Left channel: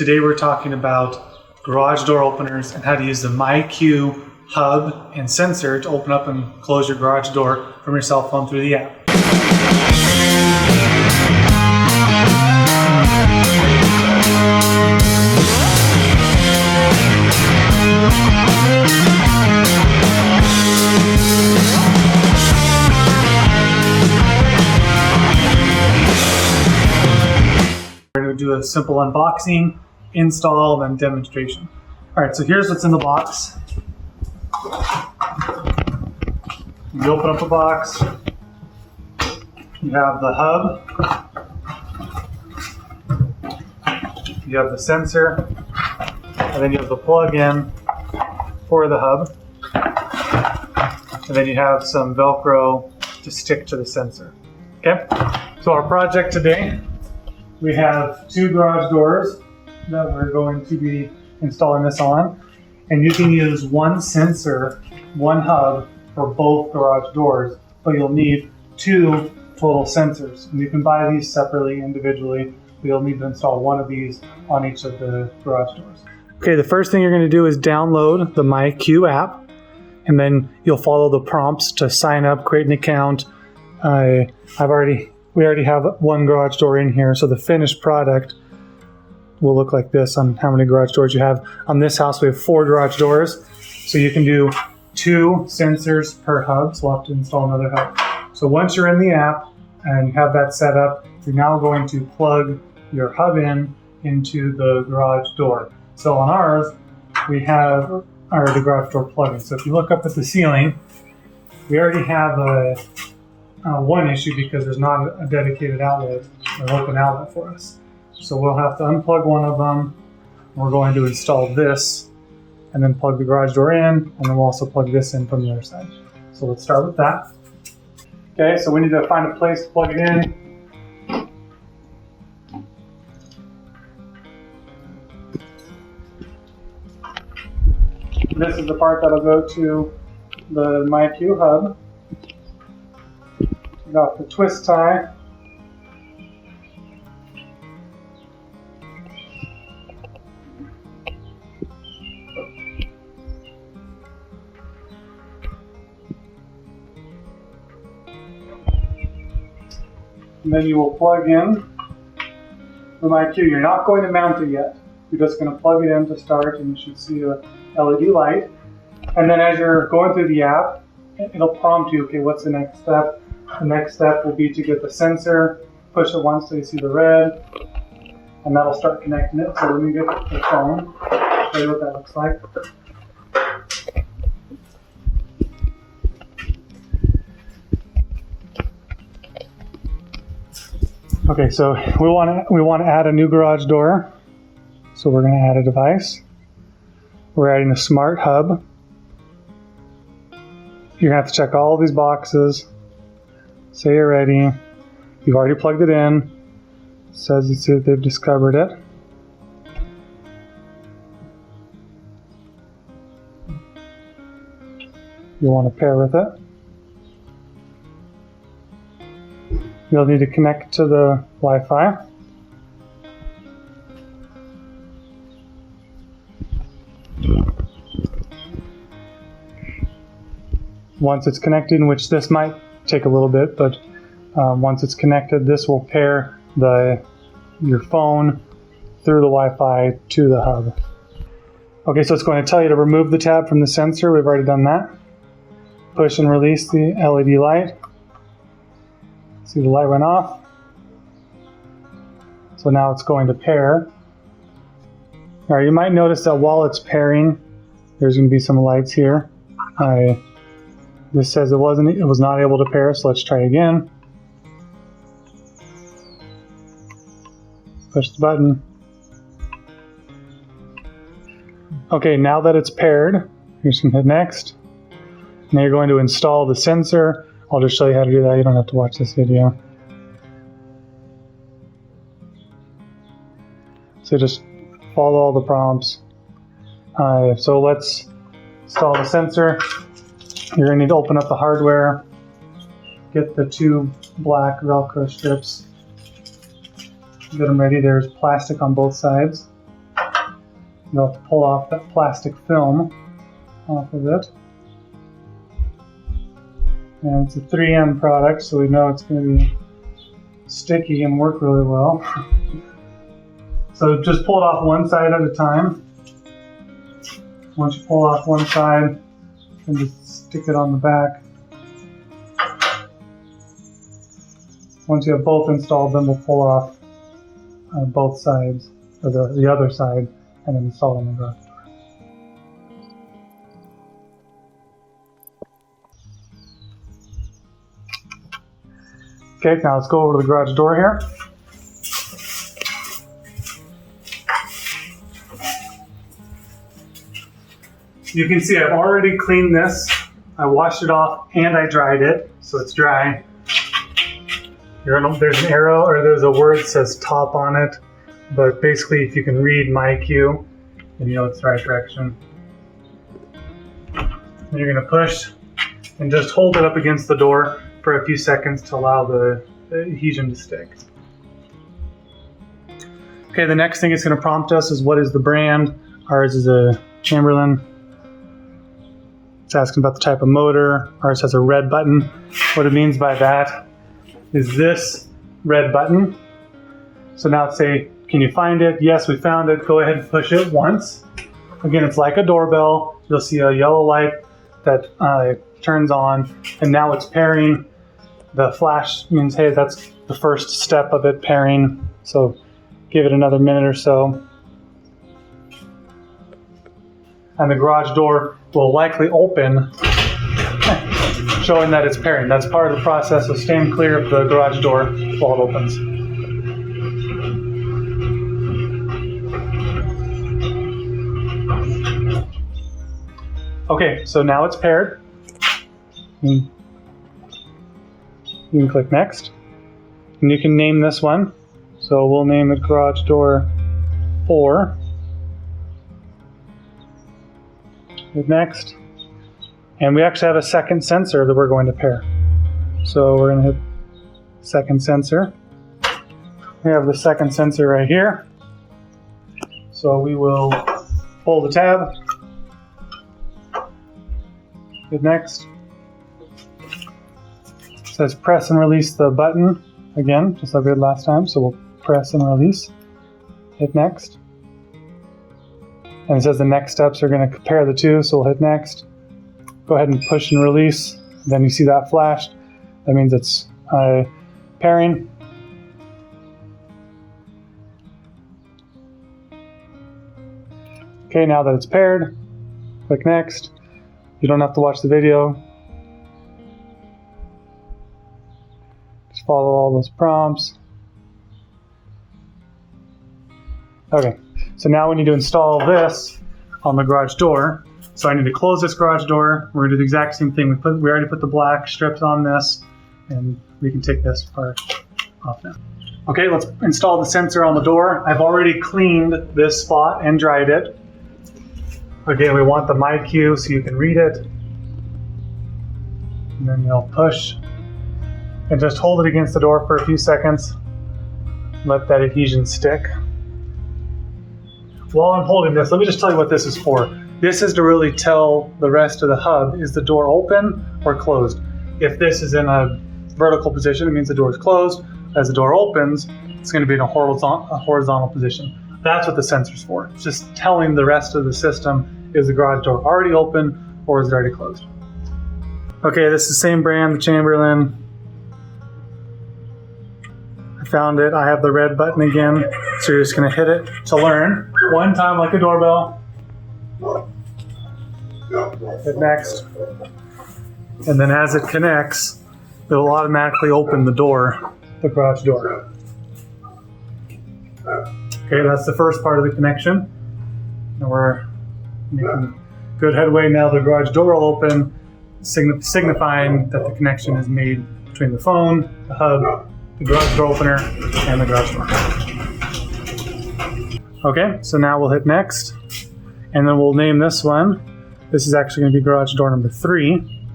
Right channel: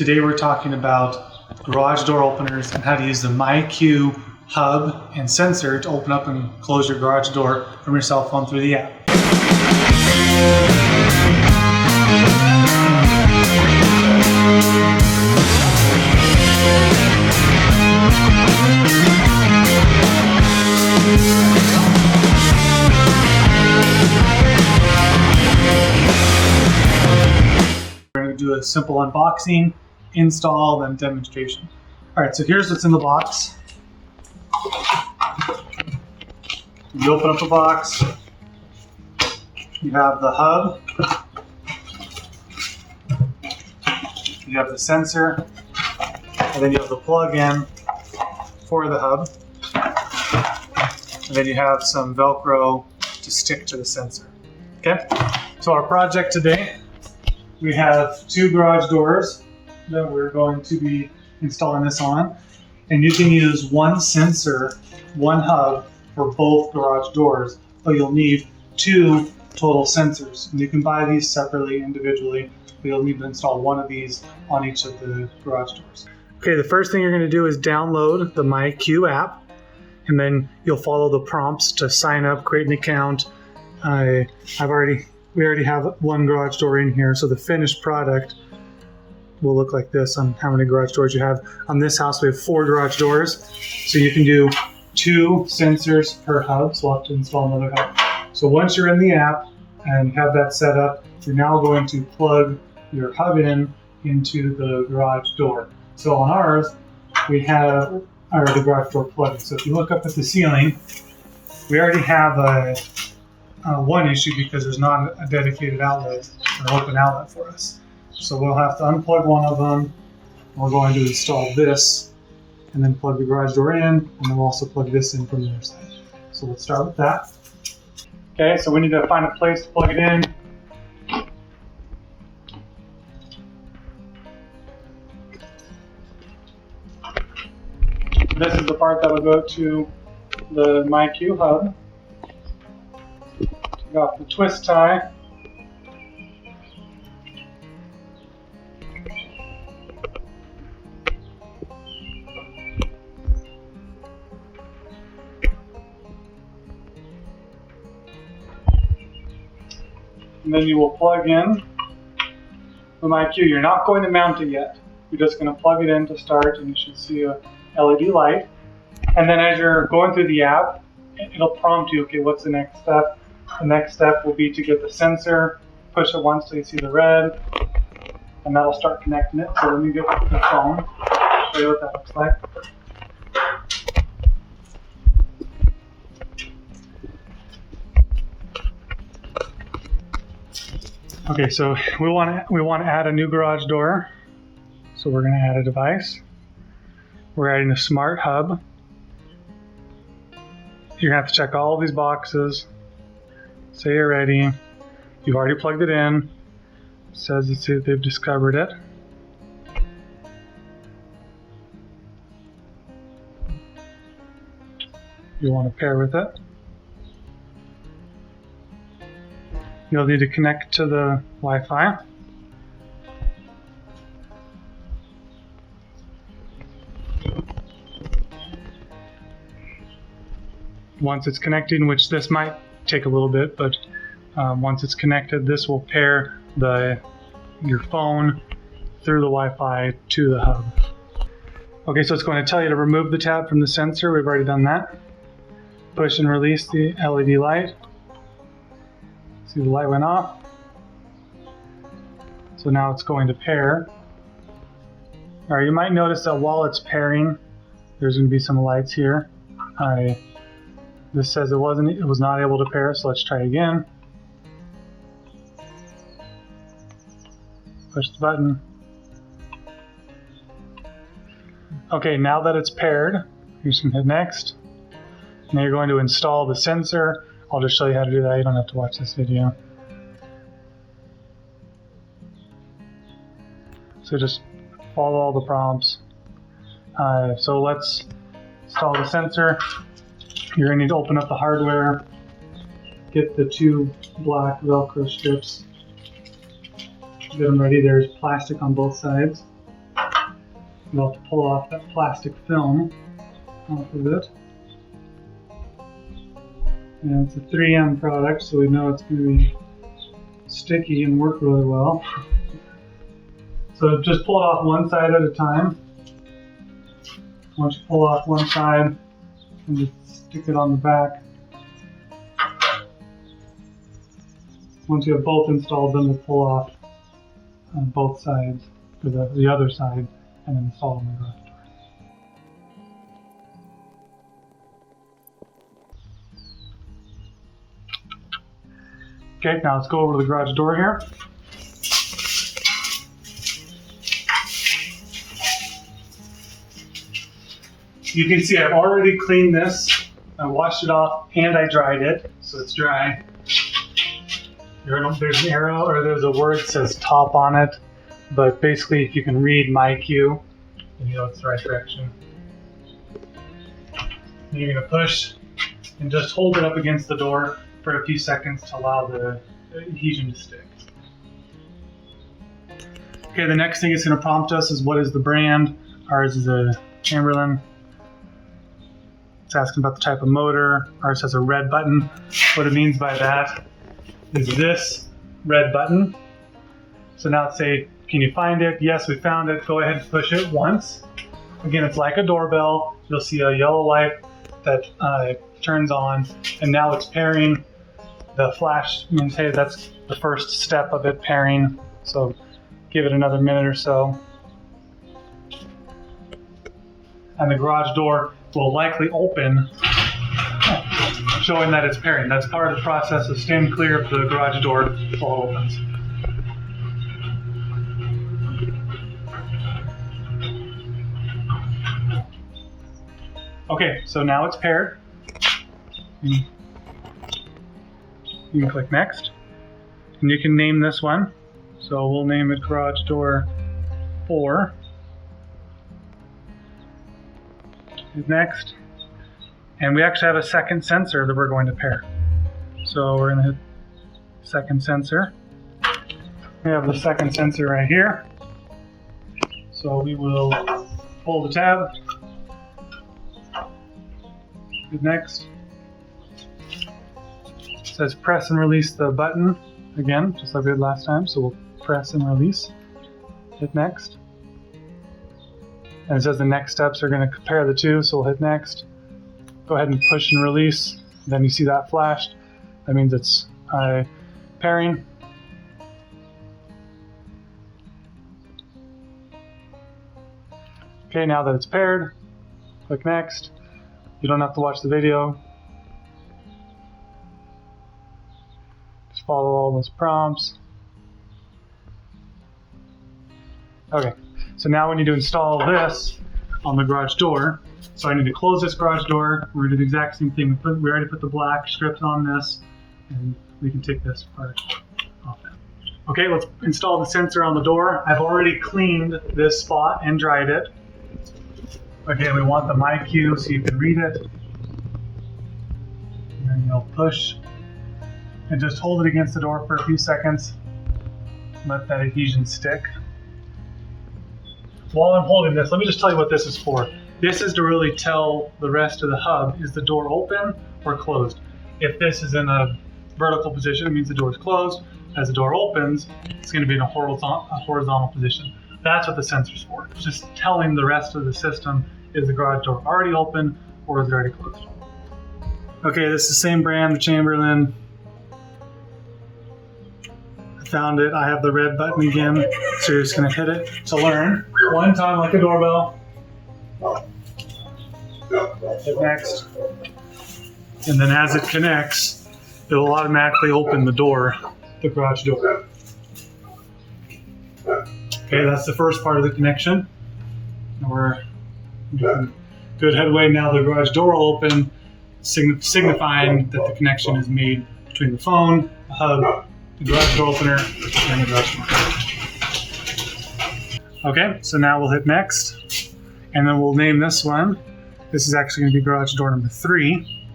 Today we're talking about garage door openers and how to use the MyQ hub and sensor to open up and close your garage door from your cell phone through the app. We're going to do a simple unboxing, install, then demonstration. All right, so here's what's in the box. You open up the box, you have the hub, you have the sensor, and then you have the plug-in for the hub, and then you have some Velcro to stick to the sensor. Okay, so our project today, we have two garage doors that we're going to be installing this on, and you can use one sensor, one hub for both garage doors, but you'll need two total sensors. And you can buy these separately, individually, but you'll need to install one of these on each of the garage doors. Okay, the first thing you're going to do is download the MyQ app, and then you'll follow the prompts to sign up, create an account. We already have one garage door in here, so the finished product will look like this on how many garage doors you have. On this house, we have 4 garage doors, so you can do 2 sensors per hub, so we'll have to install another hub. So once you're in the app and have that set up, you're now going to plug your hub into the garage door. So on ours, we have the garage door plug-in. So if you look up at the ceiling, we already have one issue because there's not a dedicated outlet or open outlet for us. So we'll have to unplug one of them. We're going to install this and then plug the garage door in, and then we'll also plug this in from the other side. So let's start with that. Okay, so we need to find a place to plug it in. This is the part that will go to the MyQ hub. Take off the twist tie. And then you will plug in the MyQ. You're not going to mount it yet. You're just going to plug it in to start, and you should see a LED light. And then as you're going through the app, it'll prompt you, okay, what's the next step? The next step will be to get the sensor, push it once so you see the red, and that'll start connecting it. So let me get the phone, show you what that looks like. Okay, so we want to add a new garage door. So we're going to add a device. We're adding a smart hub. You're going to have to check all these boxes. Say you're ready. You've already plugged it in. It says they've discovered it. You'll want to pair with it. You'll need to connect to the Wi-Fi. Once it's connected, which this might take a little bit, but once it's connected, this will pair your phone through the Wi-Fi to the hub. Okay, so it's going to tell you to remove the tab from the sensor. We've already done that. Push and release the LED light. See, the light went off. So now it's going to pair. All right, you might notice that while it's pairing, there's going to be some lights here. This says it was not able to pair, so let's try it again. Push the button. Okay, now that it's paired, you're just going to hit next. Now you're going to install the sensor. I'll just show you how to do that. You don't have to watch this video. So just follow all the prompts. So let's install the sensor. You're going to need to open up the hardware, get the 2 black Velcro strips, get them ready. There's plastic on both sides. You'll have to pull off that plastic film off of it. And it's a 3M product, so we know it's going to be sticky and work really well. So just pull it off one side at a time. Once you pull off one side, and just stick it on the back. Once you have both installed, then we'll pull off both sides, or the other side, and then install on the garage door. Okay, now let's go over to the garage door here. You can see I've already cleaned this. I washed it off and I dried it, so it's dry. There's an arrow, or there's a word that says top on it, but basically if you can read MyQ, then you know it's the right direction. And you're going to push and just hold it up against the door for a few seconds to allow the adhesion to stick. Okay, the next thing it's going to prompt us is what is the brand. Ours is a Chamberlain. It's asking about the type of motor. Ours has a red button. What it means by that is this red button. So now let's say, can you find it? Yes, we found it. Go ahead and push it once. Again, it's like a doorbell. You'll see a yellow light that turns on, and now it's pairing. The flash means, hey, that's the first step of it pairing. So give it another minute or so. And the garage door will likely open, showing that it's pairing. That's part of the process, so stand clear of the garage door while it opens. Okay, so now it's paired. You can click next, and you can name this one. So we'll name it garage door 4. Hit next, and we actually have a second sensor that we're going to pair. So we're going to hit second sensor. We have the second sensor right here. So we will pull the tab, hit next. It says press and release the button again, just like we did last time. So we'll press and release, hit next. And it says the next steps are going to compare the two, so we'll hit next. Go ahead and push and release. Then you see that flashed. That means it's pairing. Okay, now that it's paired, click next. You don't have to watch the video. Just follow all those prompts. Okay, so now we need to install this on the garage door. So I need to close this garage door. We're gonna do the exact same thing. We already put the black strips on this, and we can take this part off now. Okay, let's install the sensor on the door. I've already cleaned this spot and dried it. Again, we want the MyQ so you can read it. And then you'll push and just hold it against the door for a few seconds. Let that adhesion stick. While I'm holding this, let me just tell you what this is for. This is to really tell the rest of the hub, is the door open or closed? If this is in a vertical position, it means the door is closed. As the door opens, it's going to be in a horizontal position. That's what the sensor's for. It's just telling the rest of the system, is the garage door already open or is it already closed? Okay, this is the same brand, the Chamberlain. I found it. I have the red button again, so you're just going to hit it to learn. One time like a doorbell. Hit next. And then as it connects, it will automatically open the door, the garage door. Okay, that's the first part of the connection. And we're making good headway. Now the garage door will open, signifying that the connection is made between the phone, the hub, the garage door opener, and the garage door. Okay, so now we'll hit next, and then we'll name this one. This is actually going to be garage door number 3.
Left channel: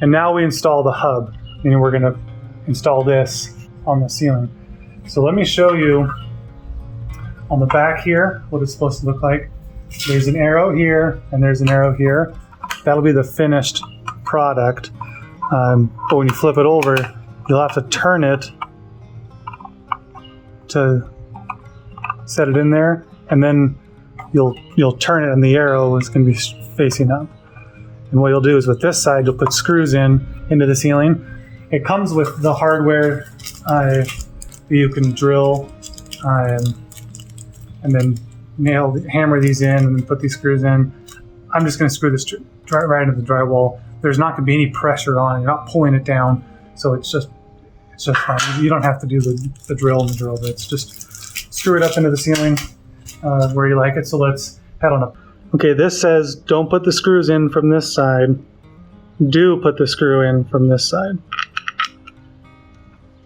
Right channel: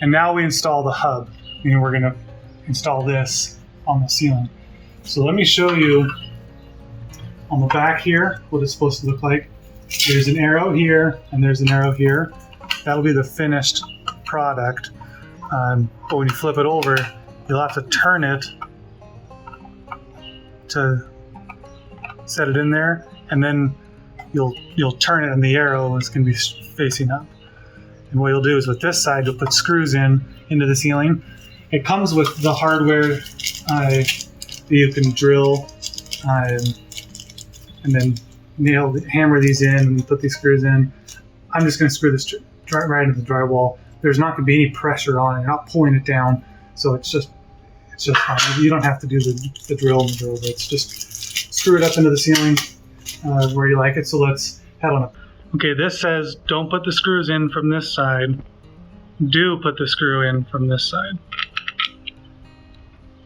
And now we install the hub, and we're going to install this on the ceiling. So let me show you on the back here, what it's supposed to look like. There's an arrow here, and there's an arrow here. That'll be the finished product. But when you flip it over, you'll have to turn it to set it in there, and then you'll turn it, and the arrow is going to be facing up. And what you'll do is with this side, you'll put screws into the ceiling. It comes with the hardware that you can drill and then hammer these in and then put these screws in. I'm just going to screw this right into the drywall. There's not going to be any pressure on it. You're not pulling it down, so it's just fine. You don't have to do the drill and the drill bits. Just screw it up into the ceiling where you like it. So let's head on up. Okay, this says don't put the screws in from this side. Do put the screw in from this side.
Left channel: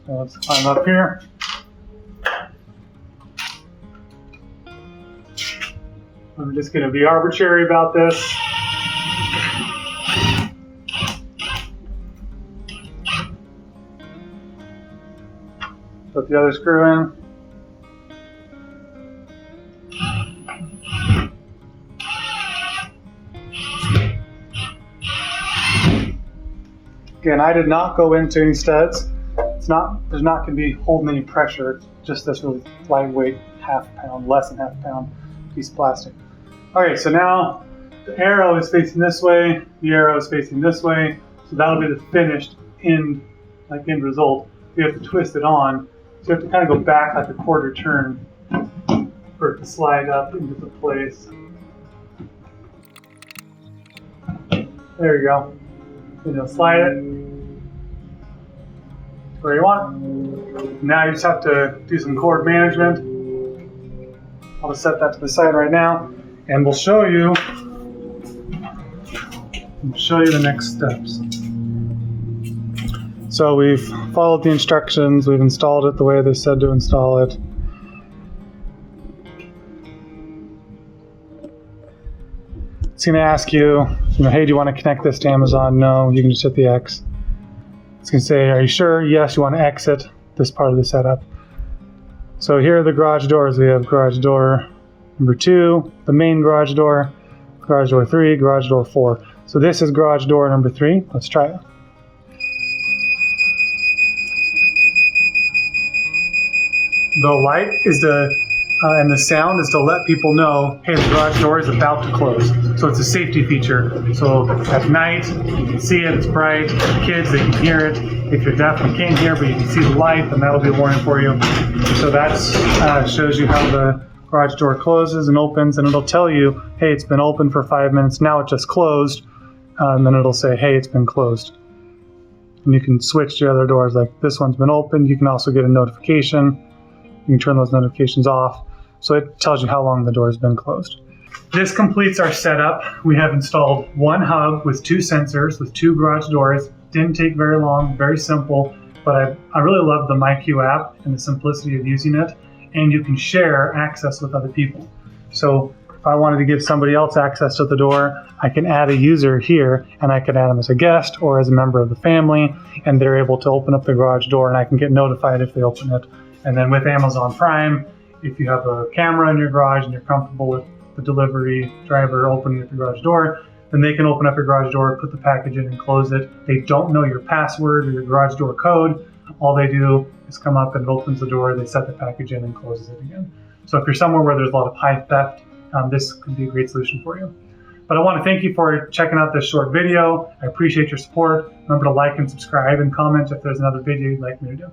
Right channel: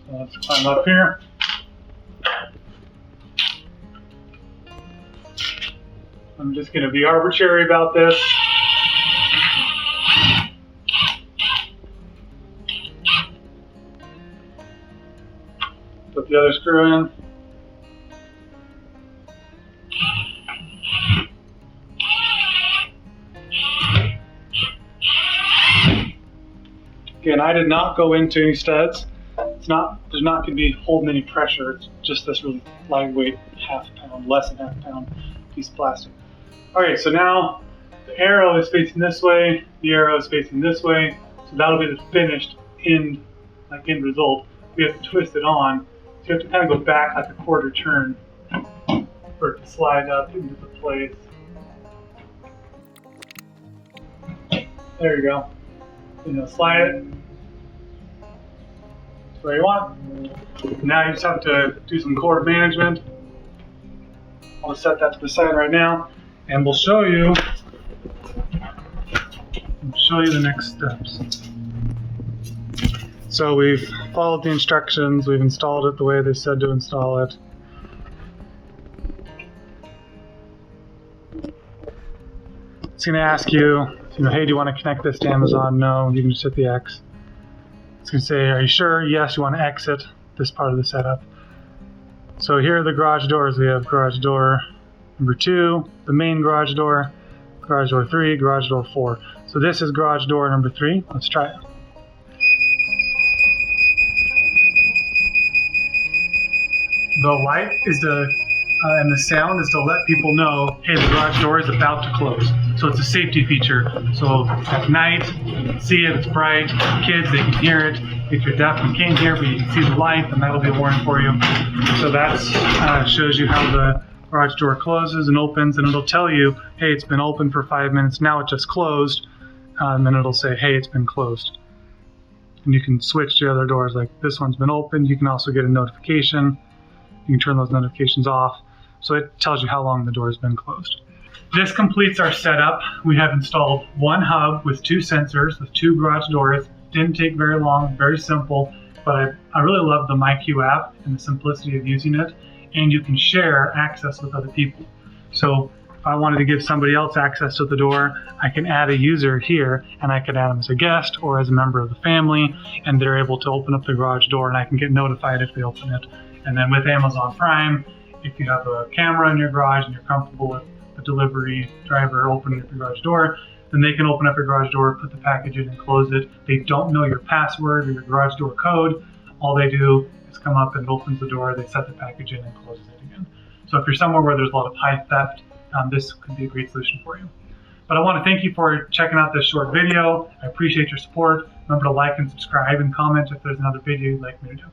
So let's climb up here. I'm just going to be arbitrary about this. Put the other screw in. Again, I did not go into any studs. There's not going to be holding any pressure. It's just this really lightweight half pound, less than half pound piece of plastic. Okay, so now the arrow is facing this way, the arrow is facing this way, so that'll be the finished end result. You have to twist it on, so you have to kind of go back like a quarter turn for it to slide up into the place. There you go. And you'll slide it to where you want. Now you just have to do some cord management. I'll just set that to the side right now, and we'll show you the next steps. So we've followed the instructions, we've installed it the way they said to install it. It's going to ask you, hey, do you want to connect this to Amazon? No, you can just hit the X. It's going to say, are you sure? Yes, you want to exit this part of the setup. So here are the garage doors. We have garage door number 2, the main garage door 3, garage door 4. So this is garage door number 3. Let's try it. The light is and the sound is to let people know, hey, the garage door is about to close. So it's a safety feature. So at night, you can see it, it's bright. Kids, they can hear it. If you're deaf and can't hear, but you can see the light, then that'll be a warning for you. So that shows you how the garage door closes and opens, and it'll tell you, hey, it's been open for 5 minutes, now it just closed. And then it'll say, hey, it's been closed. And you can switch to other doors, like this one's been opened. You can also get a notification. You can turn those notifications off. So it tells you how long the door has been closed. This completes our setup. We have installed one hub with 2 sensors, with 2 garage doors. Didn't take very long, very simple, but I really love the MyQ app and the simplicity of using it. And you can share access with other people. So if I wanted to give somebody else access to the door, I can add a user here, and I can add them as a guest or as a member of the family, and they're able to open up the garage door, and I can get notified if they open it. And then with Amazon Prime, if you have a camera in your garage and you're comfortable with the delivery driver opening up your garage door, then they can open up your garage door, put the package in and close it. They don't know your password or your garage door code. All they do is come up and it opens the door, they set the package in and closes it again. So if you're somewhere where there's a lot of pie theft, this could be a great solution for you. But I want to thank you for checking out this short video. I appreciate your support. Remember to like and subscribe and comment if there's another video you'd like me to do.